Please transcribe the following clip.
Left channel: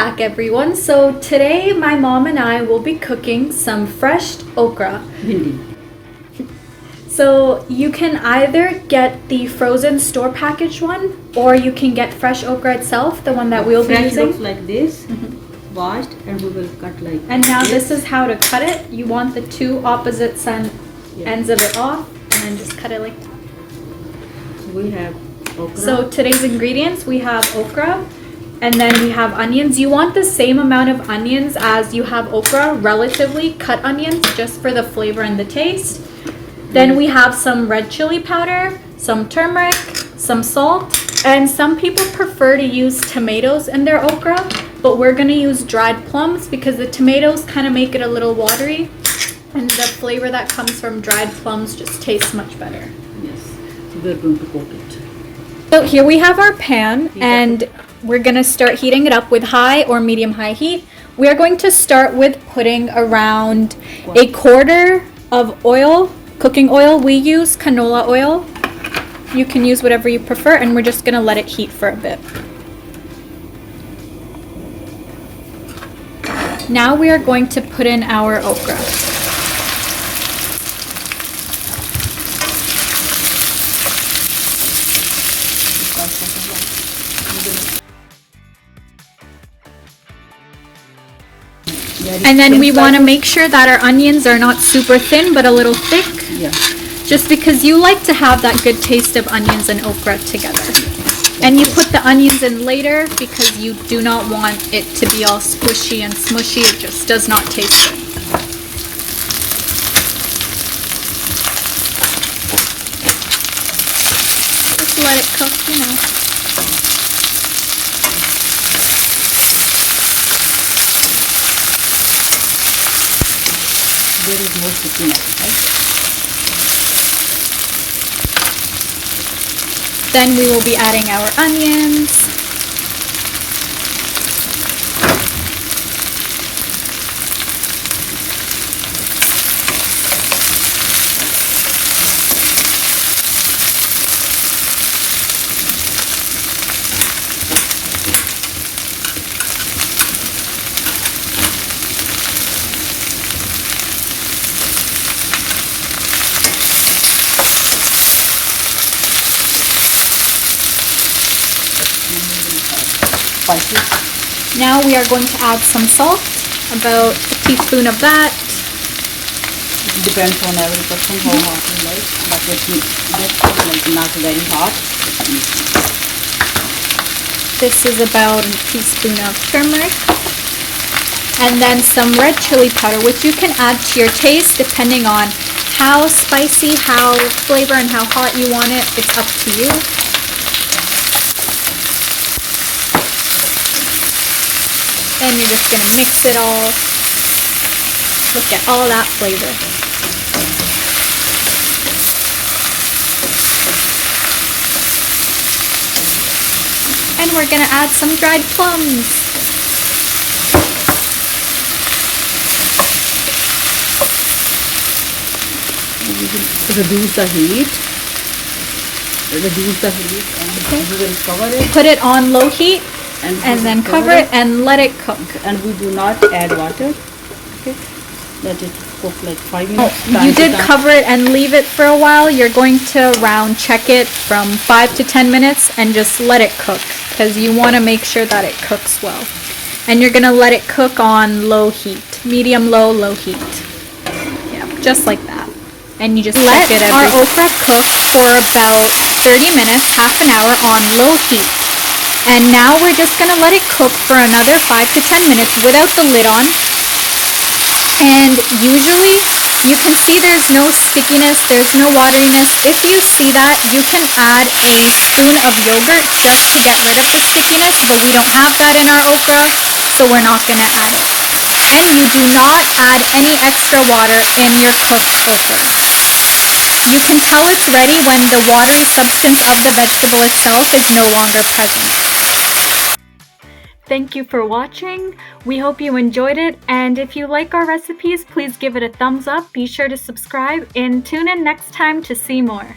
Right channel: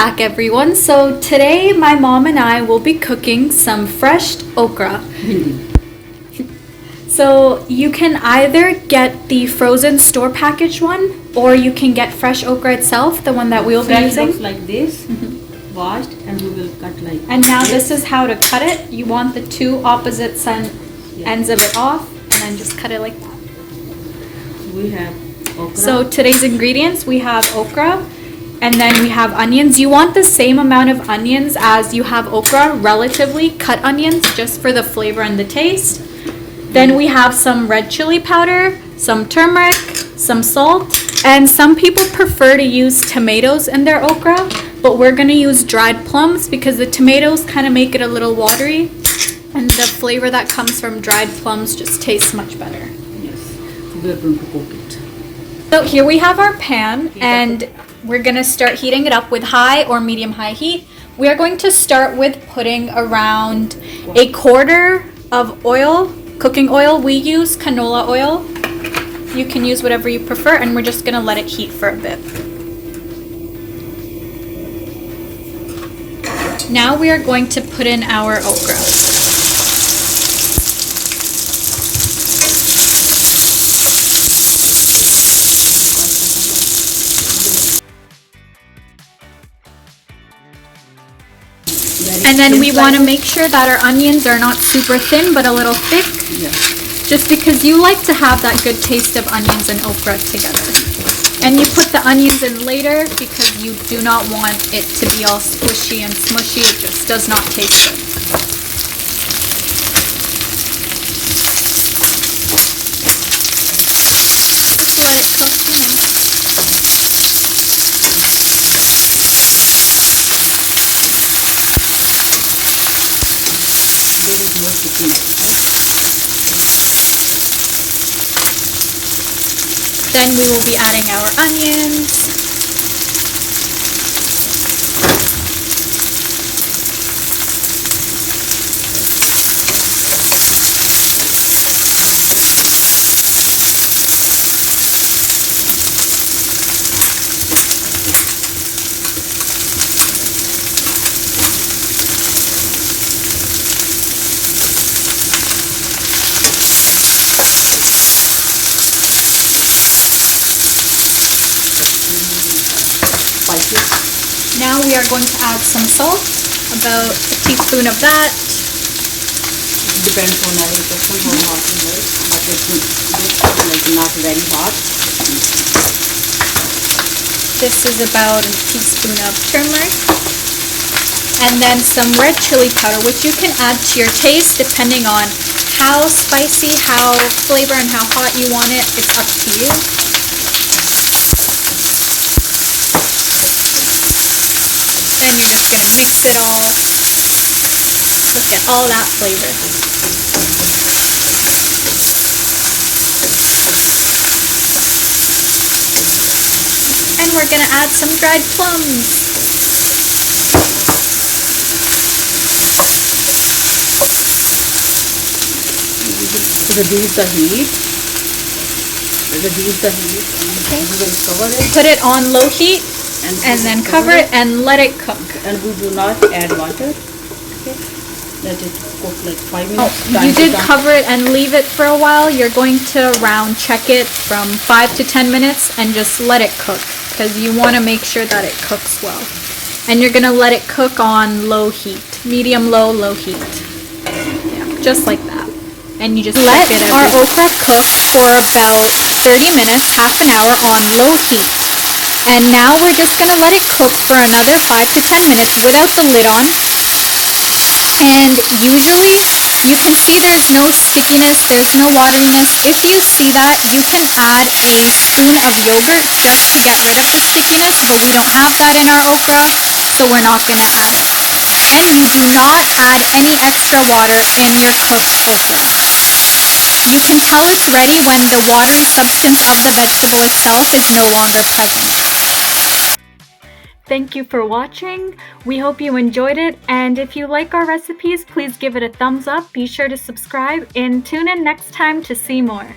back, everyone. So today my mom and I will be cooking some fresh okra. Bhindi. So you can either get the frozen store packaged one, or you can get fresh okra itself, the one that we'll be using. Looks like this, washed, and we will cut like. And now this is how to cut it. You want the two opposite ends of it off, and then just cut it like that. We have okra. So today's ingredients, we have okra, and then we have onions. You want the same amount of onions as you have okra, relatively cut onions, just for the flavor and the taste. Then we have some red chili powder, some turmeric, some salt, and some people prefer to use tomatoes in their okra, but we're gonna use dried plums because the tomatoes kind of make it a little watery, and the flavor that comes from dried plums just tastes much better. Yes, we're going to cook it. So here we have our pan, and we're gonna start heating it up with high or medium-high heat. We are going to start with putting around a quarter of oil. Cooking oil, we use canola oil. You can use whatever you prefer, and we're just gonna let it heat for a bit. Now we are going to put in our okra. And then we want to make sure that our onions are not super thin, but a little thick. Yeah. Just because you like to have that good taste of onions and okra together. And you put the onions in later because you do not want it to be all squishy and smushy. It just does not taste good. Just let it cook, There is no cooking, right? Then we will be adding our onions. Now we are going to add some salt, about a teaspoon of that. It depends on every person how hot you like, but it's not very hot. This is about a teaspoon of turmeric. And then some red chili powder, which you can add to your taste depending on how spicy, how flavor, and how hot you want it. It's up to you. Then you're just going to mix it all. Look at all that flavor. And we're going to add some dried plums. Reduce the heat. And we will cover it. Put it on low heat. And then cover it and let it cook. And we do not add water. Okay. Let it cook like 5 minutes. Oh, you did cover it and leave it for a while. You're going to check it from 5 to 10 minutes and just let it cook because you want to make sure that it cooks well. And you're going to let it cook on low heat, medium low heat. Yeah, just like that. And you just let our okra cook for about 30 minutes, half an hour on low heat. And now we're just going to let it cook for another 5 to 10 minutes without the lid on. And usually you can see there's no stickiness, there's no wateriness. If you see that, you can add a spoon of yogurt just to get rid of the stickiness, but we don't have that in our okra, so we're not going to add it. And you do not add any extra water in your cooked okra. You can tell it's ready when the watery substance of the vegetable itself is no longer present. Thank you for watching. We hope you enjoyed it, and if you like our recipes, please give it a thumbs up. Be sure to subscribe and tune in next time to see more.